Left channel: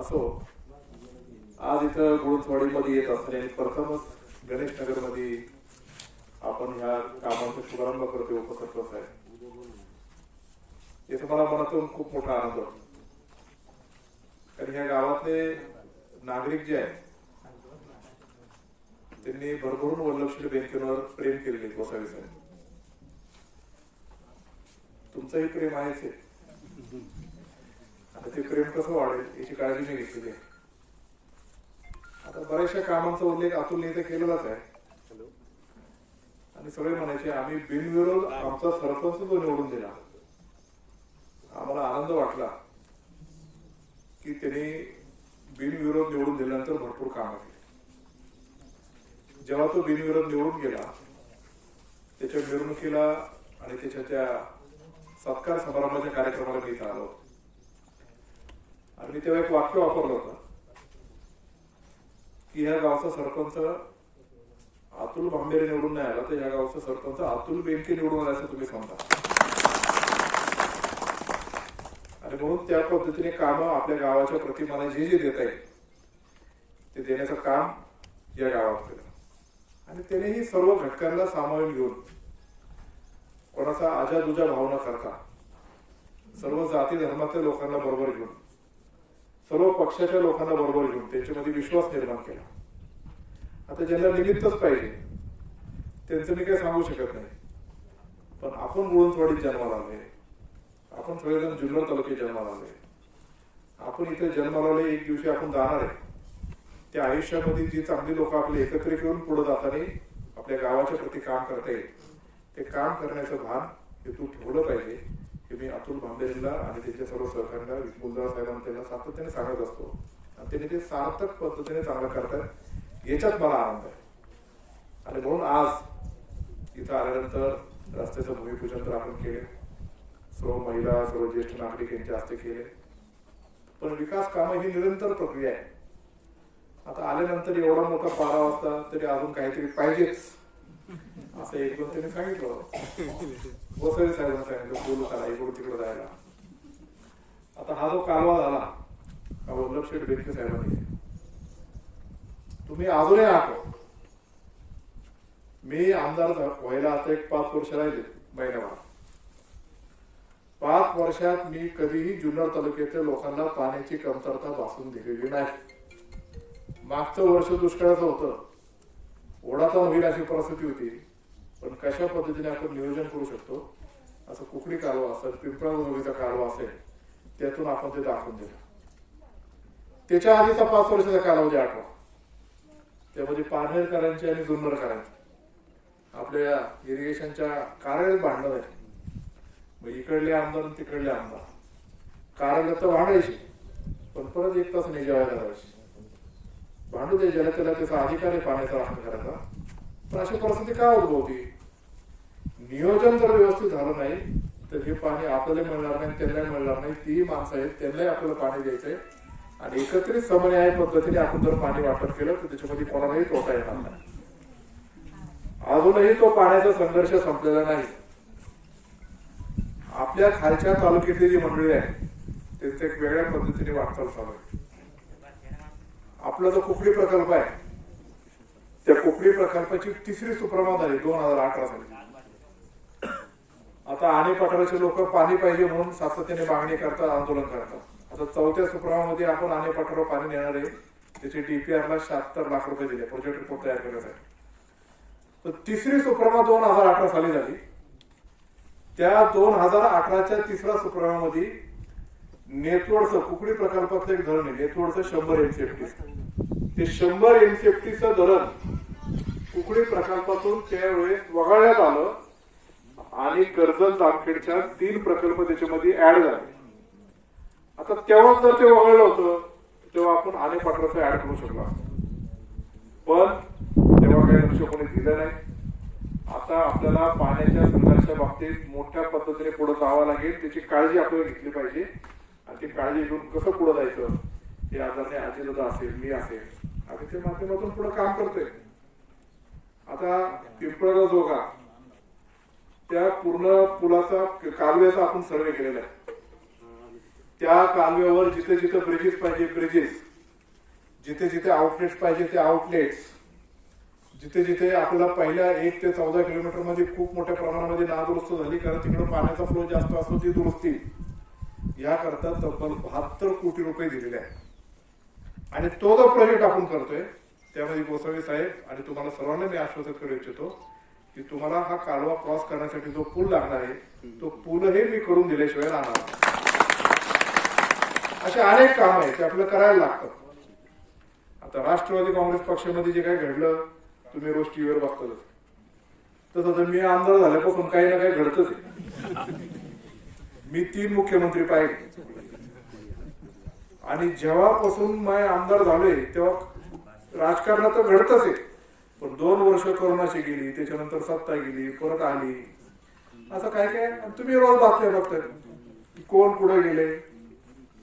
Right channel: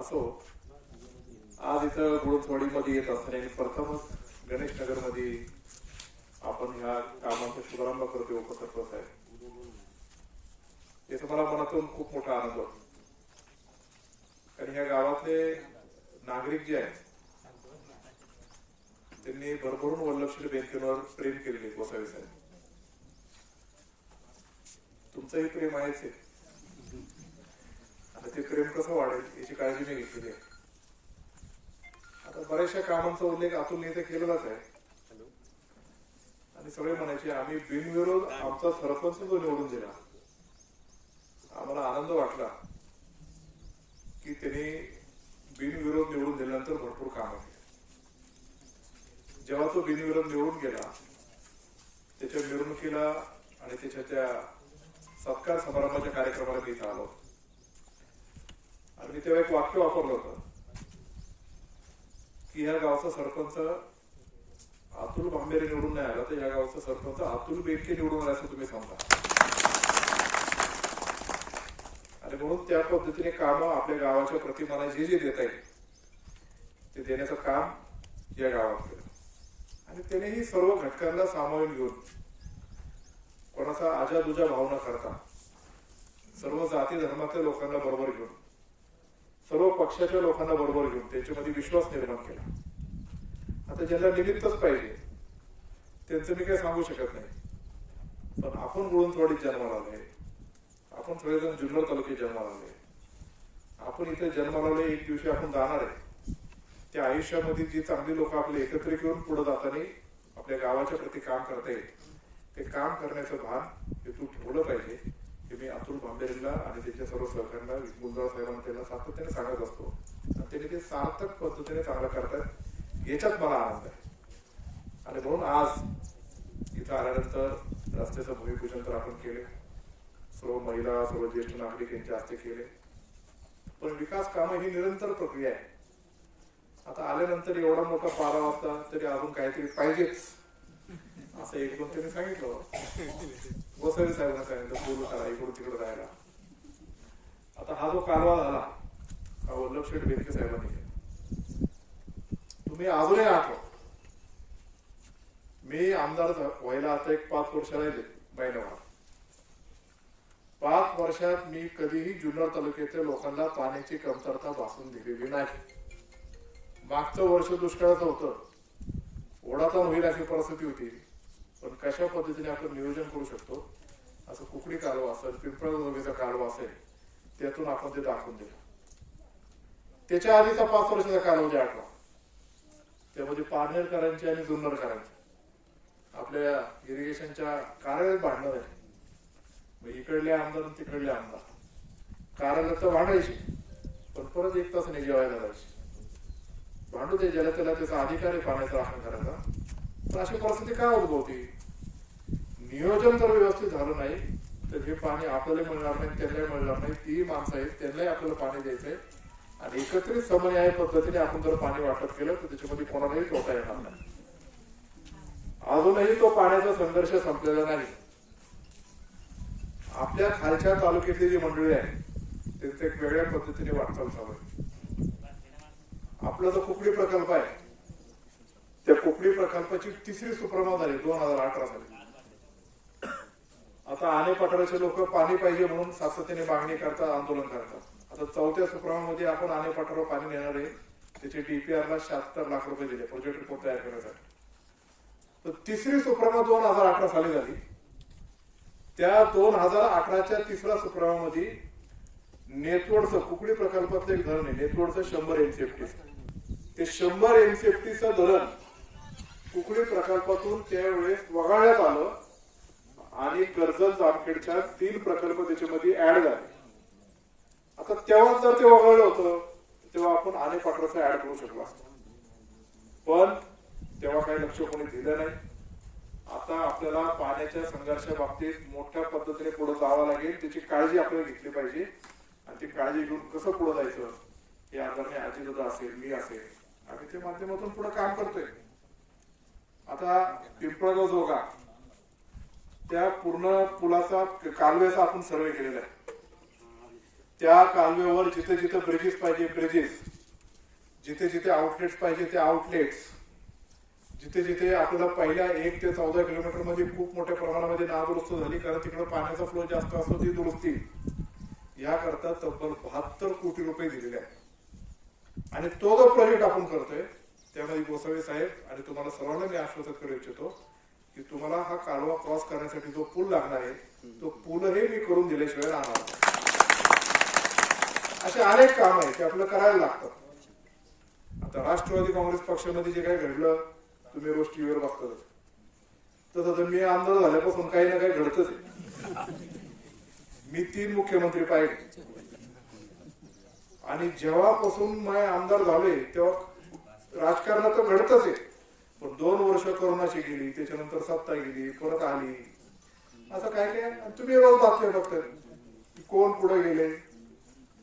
असो. आज इथं गुळथवाडीमध्ये येत असताना प्रथमच गणेश नगरमध्ये आपण ह्या कामाचा शुभारंभ करतोय उपसरपंच आहे याचा मला मनातून खूप मोठा आनंद वाटतो कारण ह्या गावातले नागरिक जे आहेत त्यांनी भरभरून वल्लभशील बँकेवर प्रेम केलेले गोसावी साहेब. तुमचंही प्रेम आहेच आहे आणि ते प्रेम कसं वाढेल याची काळजी मी घेतलेली आहे. आता बऱ्याचशा कामांचा उल्लेख अतुलने इथे केलेलाच आहे. आणि सगळे म्हणायचे आम्ही बिनविरोध आमचा सरपंच जो निवडून दिला. आम्हाला आनंद वाटला की त्यांनी बिनविरोध निवडून दिल्यानंतर भरपूर कामं केली. जेव्हा तो बिनविरोध निवडून गेला त्याच्या मिरवणुकीला आणि त्याच्या त्या सत्कार समारंभाच्या कार्यक्रमाला मी इथं आलो मी तेव्हा एक वाक्य वापरलं होतं की ह्या गावचा सरपंच अतुल बांबेरे निवडून नाही आला तर या गावचा सरपंच अतुल बेंके निवडून आला असं तुम्ही सांगता आणि म्हणून त्या पद्धतीने काम आपल्या गावाच्या प्रतिमाना जे जे देता येईल ते देण्याचं काम या गावात केलं. आणि त्याने ही सर्व घटकांना सामावून घेऊन कोणाचा आजादुजा भाव न करता सर्व जाती धर्मातल्या लोकांना बरोबर घेऊन सर्व पक्षाच्या लोकांना बरोबर घेऊन त्यांच्यामध्ये विश्वास निर्माण केला. आता ज्यांना निमित्तच पाहिजे त्यांचं मी काही सांगू शकत नाही. पण आपण गुळूनथवाडीत जन्माला आलोय. आपण सगळेजण जुन्नर तालुक्यात जन्माला आलोय. आपण इथे जन्माला आलोय एक दिवशी आपण जाणार. आहे त्या आयुष्यामध्ये जी चांगली लोक आपले एकत्रित करून पुढे जाताना आपल्या गावाच्या प्रती काम करता येईल. ते काम करण्याचं भान हे तू ठेवलं पाहिजे हे मी अतुल भांबेरीला आणि त्याच्या सर्व सहकार्यांना मुलदार साहेबांना त्यांना सातत्याने सांगत असतो. आणि त्यांनी ते सार्थक पद्धतीने चांगलं करतात याच्यात मला आनंद आहे. आणि म्हणून आज इथं आल्यानंतर रस्त्याचं भूमिपूजन तर आपण केले. सर्व महिला सर्व ज्येष्ठ नागरिक यांच्या हस्ते केले. पण विकास कामं ही निरंतर प्रक्रिया आहे. आता आल्यानंतर एवढा मोठा पारा वाजता तरी अजून काहीतरी पाहिजेच. असं एक दोन त्यांनी सांगितलं होतं साहेबांना सांगितलं बोलू करा इकडून तिकडे जायला आता हा जो कालवा झाला हा वल्लभ शेठ बेनके साहेबांनी तुम्ही अजूनही आठव मी आमदार व्हायला आता एक पाच वर्ष राहिले महिन्याभरात पाच वर्षात मी कधीही जुन्नर तालुक्यातल्या लोकांना पाण्याची कमतरता भासून दिलेली नाही मागचं वर्ष दुष्काळाचं होतं ओढाचा होईल अशी परिस्थिती होती पण कशा पद्धतीने आपण नियोजन करू शकतो असं कुकडी कालवा असेल पिंपळा जोगीचा कालवा असेल त्यातून आपण ते दाखवून दिलं त्याच्या आधीचा पाच वर्षाचा कालावधी आठवा. त्यामध्ये पारनेरकरांची आणि जुन्नरकरांची. आपल्या इरिगेशनच्या कार्यालयात भांडणं झाली. मग इकडले आमदार आणि तिकडले आमदार. कार्यालयात तर भांडायचे पण परत एक तास नाही जेवायला जायचे. भांडू दे ज्याला त्याला त्याचा अधिकार आहे पाण्याचा राखण करायचा. अशी परिस्थिती काय उद्भवती? नियोजन जर व्यवस्थित झालं नाही तर हे पाणी आपल्याला मिळणार नाही त्यांना मिळणार नाही. तीही माणसं आहेत त्यांनाही आपल्याला पाणी द्यायचंय. आणि एकत्रित समन्याय पद्धतीने आपण जर पाणी वाटप केलं तर त्याच्यामध्ये कोणालाही तोटा येणार नाही. अजूनही तो पाण्याचा संघर्ष संपलेला नाही. आपल्या खालच्या तालुक्यातली जी मंडळी आहे त्यांचं एक वेगळ्या पद्धतीने वाटचाल चालू आहे. आपला जो कुकडी प्रकल्प आहे त्या कुकडी प्रकल्पाची तिसरी सुप्रमा झाली दोन हजार अठरा साली. आता आणि पठाराचे लोक पाणी पाहिजे म्हणून सातत्याने मागणी करतात आंदोलन करतात. आता चौथ्या सुप्रमामध्ये आपण आणि पठारावर पाणी नेणार आहे. त्याचे डीपीआर ला शहात्तर लाख रुपये दिले प्रोजेक्ट रिपोर्ट तयार करण्यासाठी. तर तिसरी सुप्रमा दोन हजार अठरा साली झाली. त्या दोन हजार अठराच्या तिसऱ्या सुप्रमामध्ये नेतवडचं कुकडी प्रकल्पातलं एक धरण आहे नेतवडचं शंभर एमसीएफटी ते शंभर एमसीएफटीचं धरण कुकडी प्रकल्पातून त्यावेळेस वगळण्यात आलं आणि कर्जत जामखेडच्या तीन प्रकल्प त्याच्यामध्ये ऍड झाले. आता तेव्हाच जर ते वगळलं होतं तेव्हा आपण आणि पाटलाचं ऍड करू शकलो पण तेव्हा काही लक्ष कोणी दिलं नाही. आता आपल्याला पाण्याच्या संघर्षा बाबतीत मोठ्या पद्धतीने पुढे जावं लागेल त्याची काळजी आपल्याला घेतली पाहिजे. आणि ती काळजी घेऊन कसं पुढे जायचं हे आदरणीय आजीदादा असेल मी असेल आम्ही ते माध्यमातून पुढे काम करतोय. आता पिंपळगाव जोगा. त्या पूर्ण पुलाचा कालव्याचा आपण सर्वे केलेला आहे. त्या कालव्यावर जिथे जिथे ब्रिजेस पाहिजे ब्रिजेस जिथे जिथे आउटलेट्स पाहिजे ते आउटलेट्स जिथे जिथे आपल्याला पहिल्या एक ते चौदा किलोमीटरमध्ये खूप मोठ्या प्रमाणामध्ये नादुरुस्त झाली कारण तिकडे पाण्याचा फ्लो जास्त असतो ती दुरुस्ती. याकरता तब्बल बहात्तर कोटी रुपये दिलेले आहे आणि तो जो प्रोजेक्ट आपण करतोय त्यामध्ये गोसावी साहेब आणि तुम्हाला सर्वांना मी आश्वासन करू इच्छितो की तुम्हाला हा कालवा क्रॉस करण्यासाठी जो पूल लागणार आहे तो पूलही मी करून दिल्याशिवाय राहणार असे अनेक काम आहेत ते आपल्याला करायला लागतात. आता राष्ट्रवादी काँग्रेस पक्षामध्ये जे काही घडलं तुम्ही रोज टीव्हीवर बघतातच. तसं तर मी आमदार झाल्यापासून काही ना काही घडतच आहे. मी तीन मुख्यमंत्री पाहिले आणि जेव्हापासून मी आमदार झालोय तेव्हा राजकारणात तर घडतच आहे. पण दोन वर्ष कोरोनाची गेली त्याच्यानंतर सत्ता गेली परत आली. असं काय काय? तुम्ही रोज बातम्या बघताय. की कोण पुढे गेले?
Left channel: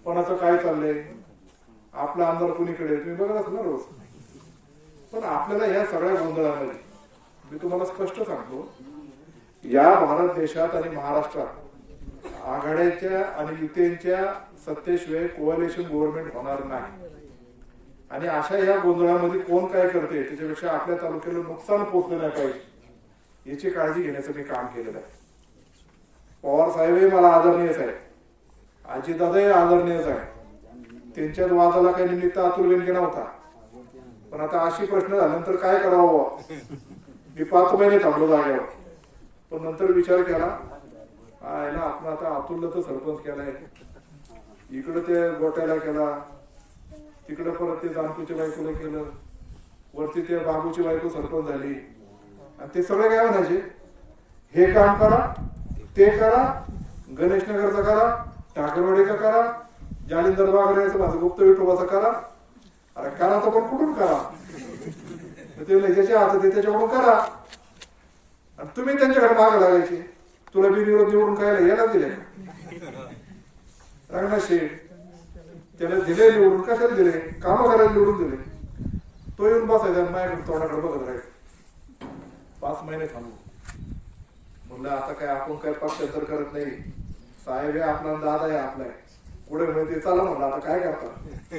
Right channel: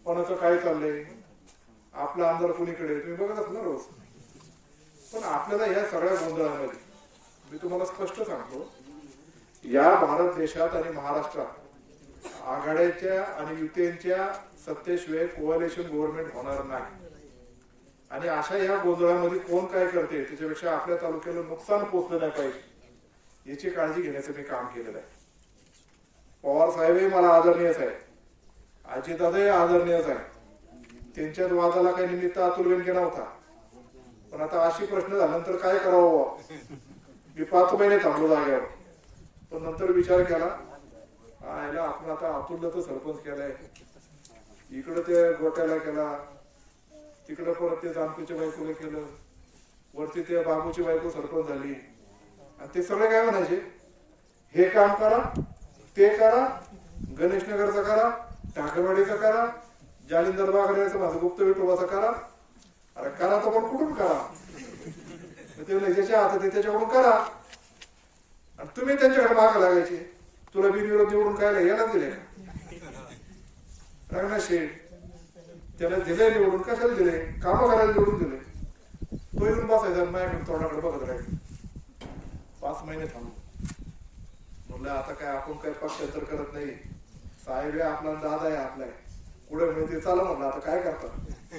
कोणाचं काय चाललंय? आपला आमदार कुणीकडे? तुम्ही बघत असाल ना रोज. पण आपल्याला या सगळ्या गोंधळामध्ये मी तुम्हाला स्पष्ट सांगतो या भारत देशात आणि महाराष्ट्रात आघाड्याच्या आणि युतींच्या सत्तेशिवाय कोअलेशन गव्हर्नमेंट होणार नाही. आणि अशा या गोंधळामध्ये कोण काय करते त्याच्यापेक्षा आपल्या तालुक्याला नुकसान पोचलं नाही पाहिजे. याची काळजी घेण्याचं मी काम केलेलं आहे. पवार साहेबही मला आदरणीयच आहे आजीदादाही आदरणीयच आहे त्यांच्यात वादाला काही निमित्त अतुल बेनके नव्हता पण आता अशी प्रश्न झाल्यानंतर काय करावं? मी पाच महिने थांबलो जागेवर. पण नंतर विचार केला आयला आपण आता अतुलला तर सरपंच केलाय. इकडं त्या गोट्याला केला तिकडं परत ते जानपूच्या बायकोला केलं. वरती त्या बाबूची बायको सरपंच झाली. आणि ते सगळे काय म्हणायचे? हे काम करा ते करा गणेशनगरचं करा ठाकरवाडीचं करा जालिंदर बागड्याचं माझं गुप्त विठोबाचं करा. अरे करा तर पण कुठून करा? मग ते ज्याच्या हातात ते त्याच्याकडून करा. आणि तुम्ही त्यांच्याकडे माग लागायचे. तुला बिनविरोध निवडून खायला याला दिले का? रंगनाथ शेठ. त्याला दिले निवडून कशाला दिले कामं करायला निवडून दिले तो येऊन बसायचा आणि माझ्याकडे तोंडाकडे बघत राहायचं. पाच महिने थांबलो. म्हणलं आता काय आपण काय पक्षांतर करत नाही. साहेब आहे आपला दादा आहे आपला आहे. पुढे म्हणजे चला म्हणलं आता काय करता?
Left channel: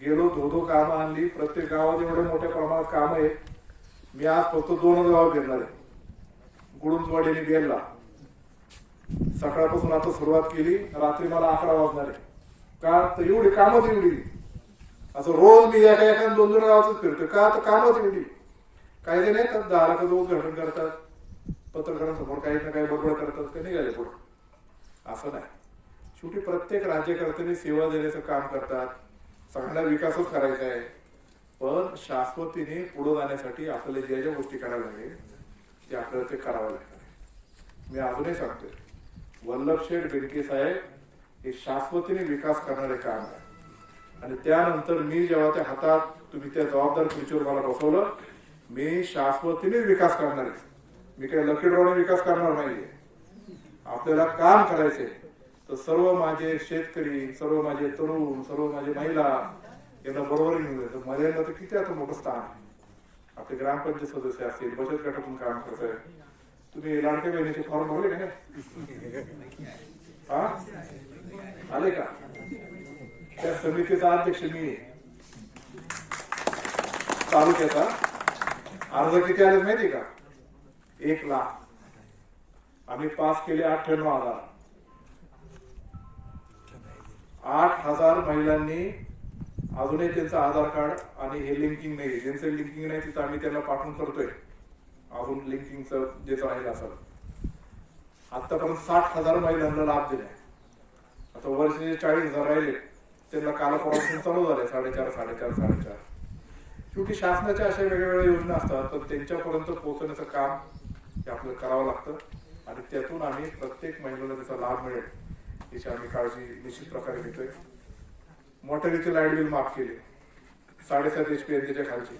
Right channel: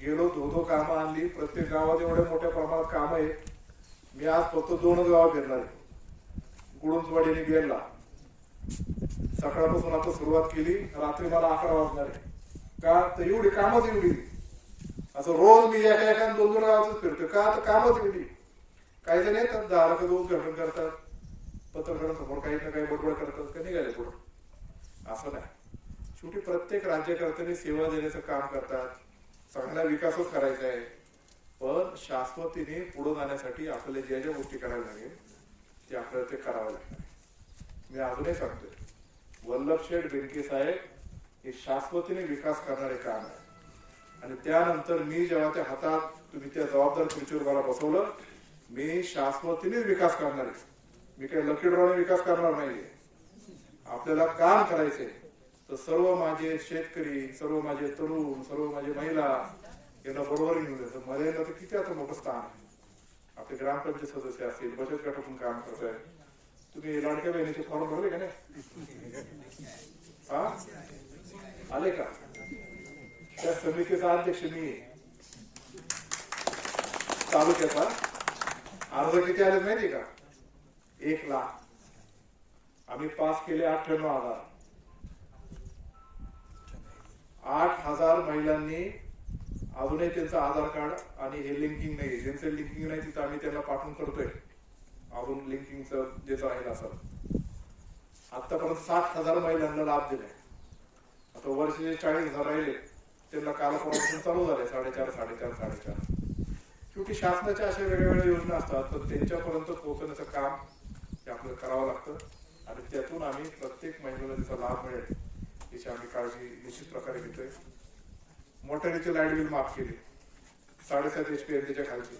गेलो धो धो कामं आणली. प्रत्येक गावात एवढ्या मोठ्या प्रमाणात काम आहे मी आज फक्त दोनच गाव फिरणार आहे. गुडुंजवाडीने आणि बेलला सकाळपासून आता सुरुवात केली. रात्री मला अकरा वाजणार आहे. का तर एवढी कामच एवढी असं रोज मी एका एका दोन दोन गावातच फिरतो का तर कामच एवढी काही ते नाही तर दहा लाख उद्घाटन करतात. पत्रकारांसमोर काही ना काही बडबड करतात का निघाले पुढे. असं नाही. शेवटी प्रत्येक राज्यकर्त्यांनी सेवा देण्याचं काम करतात. सगळ्यांना विकासच करायचा आहे. पण शाश्वतीने पुढे जाण्यासाठी आपल्याला ज्या ज्या गोष्टी करायला लागेल ते आपल्याला ते करावं लागणार मी अजूनही सांगतोय. वल्लभ शेठ बेंके साहेब हे शाश्वतीने विकास करणारे काम आहे. आणि त्यानंतर मी जेव्हा त्या हातात तुम्ही त्या जबाबदार खुर्चीवर मला बसवलं मी शाश्वतीने विकास करणार. आहे मी काही लकी ड्रॉने विकास करणार नाहीये. आपल्याला काम करायचे तर सर्व माझे शेतकरी सर्व माझे तरुण सर्व माझे महिला यांना बरोबर घेऊन जायचं. महिलांना तर किती आता मोठं स्थान आहे. आपले ग्रामपंचायत सदस्य असतील बचत गटातून काम करत आहे तुम्ही लाडक्या बहिणीचे फॉर्म भरले का नाही? हा? आले का? त्या समितीचा अध्यक्ष मी आहे. तालुक्याचा. अर्ज किती आले माहिती का? एक लाख. आम्ही पास केले अठ्ठ्याण्णव हजार. आठ हजार महिलांनी अजूनही त्यांचं आधार कार्ड आणि हे लिंकिंग नाही. ज्यांचं लिंकिंग नाही तिथं आम्ही त्यांना पाठवून करतोय. अजून लिंकिंगचं ज्याचं राहिलं असं आतापर्यंत साठ हजार महिलांना लाभ दिलाय. आता वर्षाचे चाळीस हजार राहिले त्यांना कालापासून चालू झाले साडेचार साडेचार साडेचार. शेवटी शासनाच्या अशा वेगवेगळ्या योजना असतात तर त्यांच्यापर्यंत पोहोचण्याचं काम हे आपल्याला करावं लागतं. आणि त्यातून आम्ही प्रत्येक महिलेला त्याचा लाभ मिळेल याची आम्ही काळजी निश्चित प्रकारे घेतोय. मोटारीचे लाइट बिल माफ केले साडेसात एच पी त्याच्या खालची.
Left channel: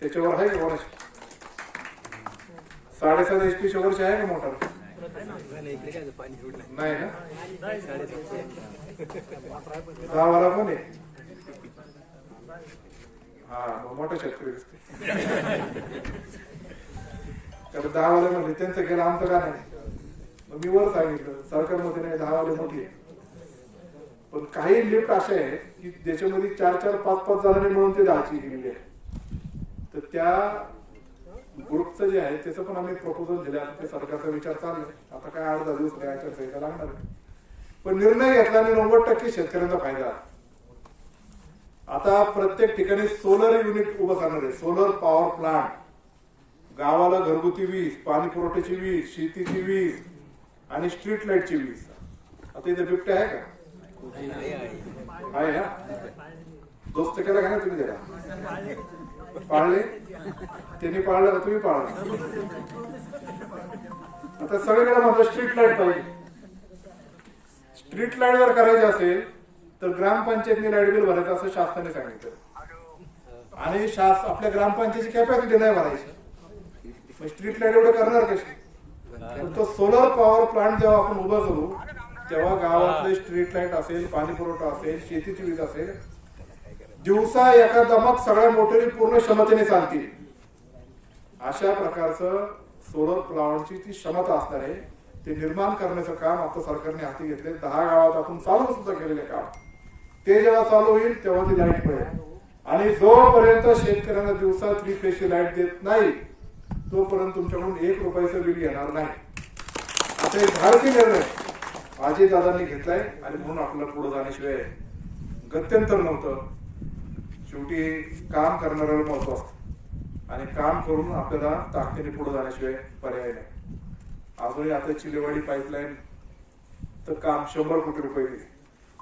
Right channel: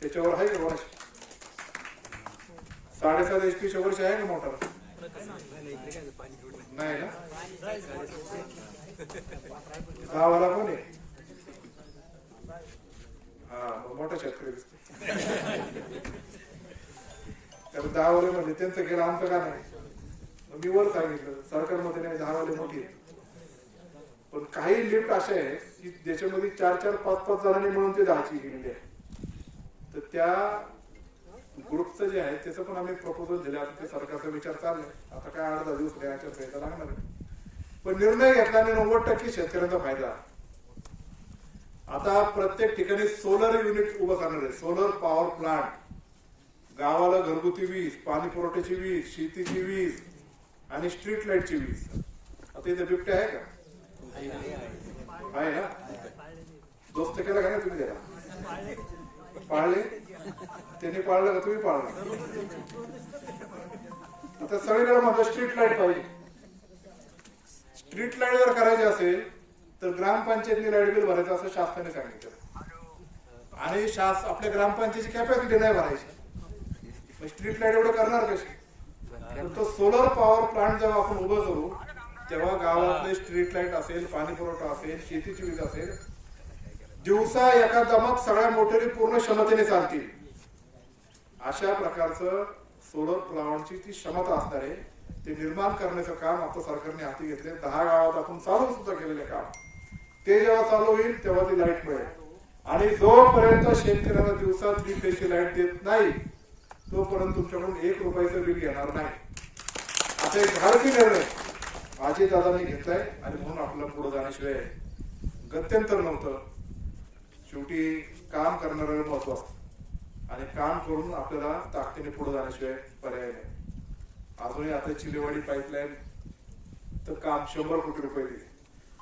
त्याच्यावर आहे का वर्ष साडेसात एच पीच्या वर्ष आहे का मोटर? नाही ना गावाला कोण आहे? हा मग मोठा शेतकरी दिसते. तर दहा वाले म्हणजे त्यांचं गेलं आमचं का नाही? मग मी वर सांगितलं सरकारमध्ये नाही दहा वाले मोठी आहेत. पण काही लिफ्ट अशा आहेत की ज्याच्यामध्ये चार चार पाच पाच जणांनी मिळून ते दहाची गेलेली आहे तर त्या ग्रुपचं जे आहे त्याचं पण आम्ही प्रपोजल दिले. आता ते सरकारचा विचार चालले आता काय अर्धा दिवस नाही आचारसंहिता लागणार आहे. पण निर्णय घेतला आणि नव्वद टक्के शेतकऱ्यांचा फायदा. आता प्रत्येक ठिकाणी सोलर युनिट उभं करणार आहे. सोलर पॉवर प्लांट गावाला घरगुती वीज पाणी पुरवठ्याची वीज शेतीची वीज आणि स्ट्रीट लाईटची वीज. आता इथे बिबटे आहे का? आहे ना? दोस्त केला का नाही तुम्ही त्याला? पाळले? त्यांनी पाळलं का तुम्ही पाळलं? आता सगळीकडे माझं स्ट्रीट लाइट पाहिजे. स्ट्रीट लाइट जर करायची असेल तर ग्रामपंचायतनी लाइट बिल भरायचं असं शासनाने सांगितलं. आणि शास आपल्या ग्रामपंचायतची कॅपॅसिटी नाही भरायची. मग स्ट्रीट लाइट एवढं करणार कशी? तो सोलर पॉवर प्लांट जेव्हा आपण उभं करू तेव्हा गावातले स्ट्रीट लाइट असेल पाणी पुरवठा असेल शेतीची वीज असेल दिवसा एका दमात सगळ्या मोटरी पूर्ण क्षमतेने चालतील. अशा प्रकारचं सोलर प्लांटची ती क्षमता असणार आहे ते निर्माण करण्याचं काम आता सरकारने हाती घेतले दहा गावात आपण चालू सुद्धा केलेले काम. ते जेव्हा चालू होईल तेव्हा ती लाइट मिळेल. आणि जोपर्यंत शेतकऱ्यांना दिवसा थ्री फेजची लाइट देत नाही तोपर्यंत तुमच्याकडून एक रुपयाचं बिल घेणार नाही. आता एक धाडसी निर्णय अजय दादांनी घेतलाय आणि म्हणून आपल्याला पुढे जाण्याशिवाय गत्यंतर नव्हतं. शेवटी काम करणाऱ्याला महत्त्व आणि काम करून आपल्याला ताकदीने पुढे जाण्याशिवाय पर्याय नाही. अजूनही आता चिलेवाडी पाईपलाईन तर काम शंभर कोटी रुपये गेले.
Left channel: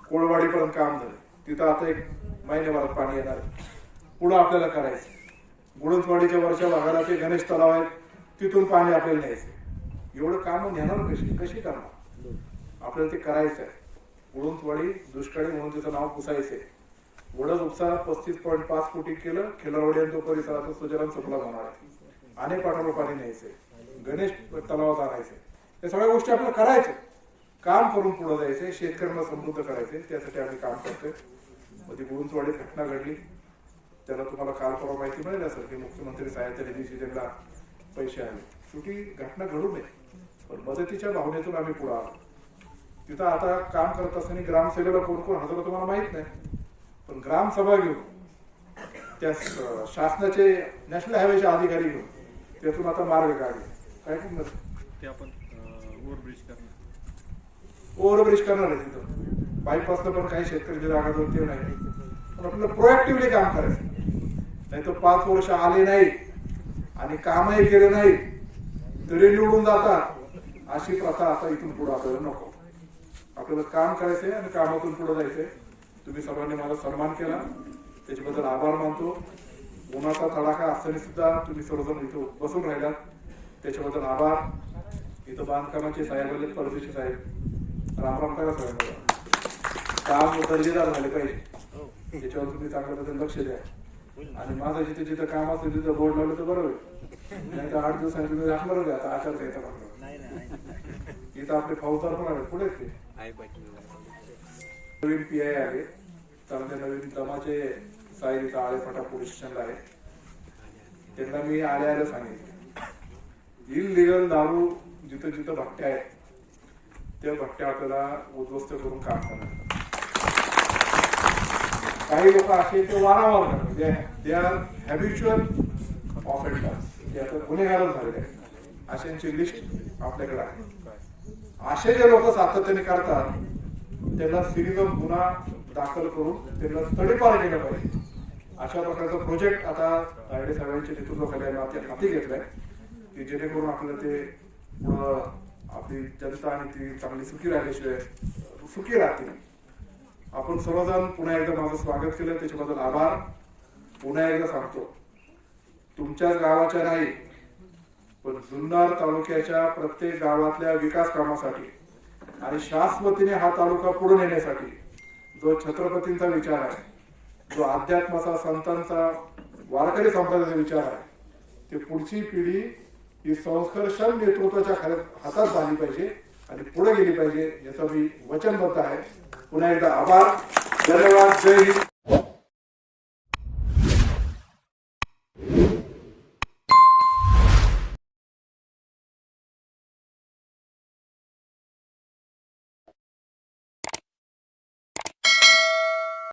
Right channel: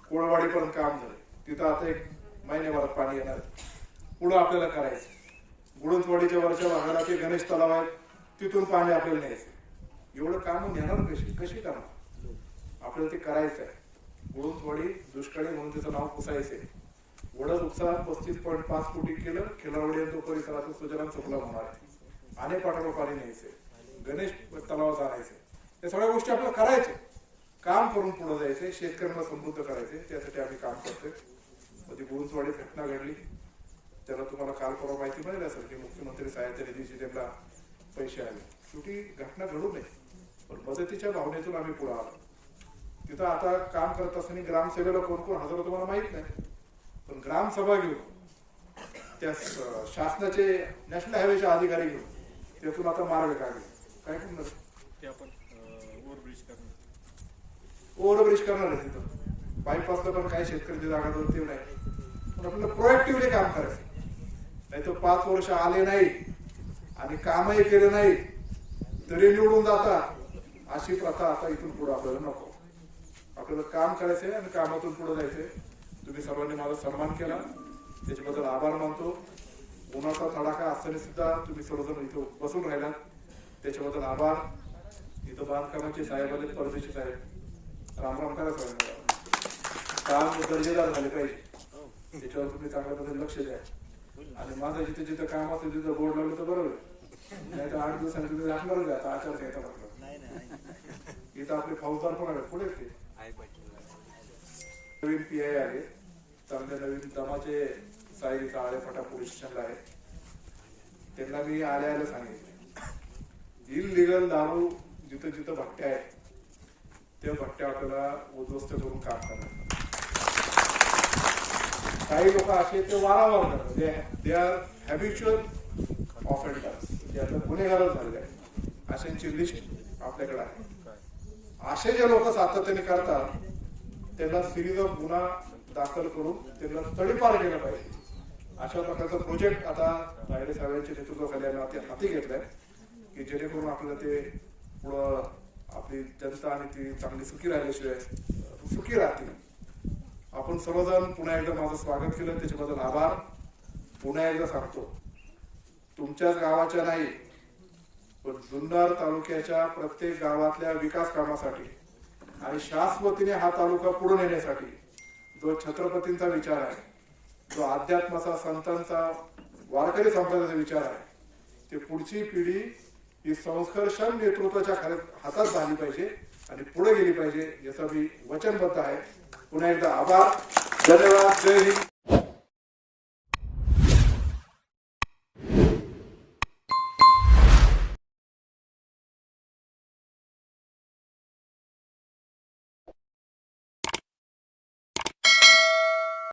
कोळवाडी पर्यंत काम झालं. तिथं आता एक महिन्याभरात पाणी येणार आहे. पुढं आपल्याला करायचं गुडंतवाडीच्या वरच्या भागाला ते गणेश तलाव आहेत. तिथून पाणी आपल्याला न्यायचं एवढं कामं नेणार कशी? कशी करणार? आपल्याला ते करायचं आहे. गुळंतवाडी दुष्काळी म्हणून त्याचं नाव पुसायचं आहे. वडद उपसा पस्तीस पॉईंट पाच कोटी केलं खिलारवाडी आणि तो परिसराचा सुजलाम सुफलाम होणार आहे. अनेक पाठावर पाणी न्यायचे गणेश तलावात आणायचे या सगळ्या गोष्टी आपल्याला करायच्या काम करून पुढे जायचे शेतकऱ्यांना समृद्ध करायचे त्यासाठी आम्ही काम करतोय. मध्ये गुळुंचवाडीत घटना घडली. त्याला तुम्हाला काल परवा माहिती मिळेल असेल की मुख्यमंत्री सहाय्यता निधीचे त्यांना पैसे आले. शेवटी घटना घडू नये. पण मदतीच्या भावनेतून आम्ही पुढे आलो. तिथं आता काम करत असताना ग्रामसेवेला कोण कोण हजर तुम्हाला माहीत नाही. पण ग्रामसभा घेऊन त्या शासनाचे नॅशनल हायवेचे अधिकारी घेऊन त्यातून आता मार्ग काढले. काय करणार? ते आपण ओव्हरब्रिज करणार. ओव्हरब्रिज करणार आहे तिथं. बायपासला पण काही शेतकऱ्यांच्या जागा दोन ते नाही पण आपल्याला प्रोएक्टिव्हली काम करायचं नाही तर पाच वर्ष आले नाही आणि कामही केले नाही तरी निवडून जाता अशी प्रथा आता इथून पुढे आपल्याला नको. आपल्याला काम करायचंय आणि कामातून पुढे जायचंय. तुम्ही सर्वांनी माझा सन्मान केला. त्याच्याबद्दल आभार मानतो. उन्हाचा तडाखा असताना सुद्धा तुम्ही सर्वजण इथं बसून राहिलात त्याच्याबद्दल आभार. इथं बांधकामाचे साहेब आले परदेशी साहेब. रामराम करा साहेब. काम दर्जेदार झाले पाहिजे. त्याच्यावर तुम्ही चांगल्या बद्दल लक्ष द्या. आणि माझं जिथे जिथं काम असेल तिथं बोर्ड लावलं तर बरोबर. नाही तर आठ दिवसांनी तुम्ही राखणारच आता आचार इथं आपले फौजदार पण आहेत. पुढे ते? नवीन पी आय आले. चांगले नवीन दमाचे साहेब इथं आळेफाटा पोलीस स्टेशनला आहे त्यांना मी आले आले सांगितले. इलिगल दारू जिथं जिथं भट्ट्या आहेत त्या भट्ट्या आपल्याला उद्ध्वस्त करून काम करणार काही लोक असे ते वारंवार करतात. दे आर हॅबिच्युअल ऑफेंडर्स ते आता गुन्हेगारच झालेले आहेत. अशांची लिस्ट आपल्याकडे आहे. असे जे लोक सातत्याने करतात त्यांना सिरीज ऑफ गुन्हा दाखल करून त्यांना तडीपार केलं पाहिजे. अशा प्रकारचा प्रोजेक्ट आता तायडे साहेबांच्या नेतृत्वाखाली आम्ही हाती हाती घेतलाय की जेणेकरून आपल्याला ते पुढं आपली जनता आणि ती चांगली सुखी राहिल्याशिवाय सुखी राहतील. आपण सर्वजण पुन्हा एकदा माझं स्वागत केलं त्याच्याबद्दल आभार. पुन्हा एकदा सांगतो तुमच्याच गावाच्या नाही पण जुन्नर तालुक्याच्या प्रत्येक गावातल्या विकास कामासाठी आणि शाश्वतीने हा तालुका पुढे नेण्यासाठी जो छत्रपतींचा विचार आहे जो अध्यात्माचा संतांचा वारकरी संप्रदायाचा विचार आहे ते पुढची पिढी ही संस्कर्षण नेतृत्वाच्या खऱ्या हातात झाली पाहिजे आणि पुढे गेली पाहिजे याचं मी वचनबद्ध आहे. पुन्हा एकदा आभार. धन्यवाद. जय हिंद.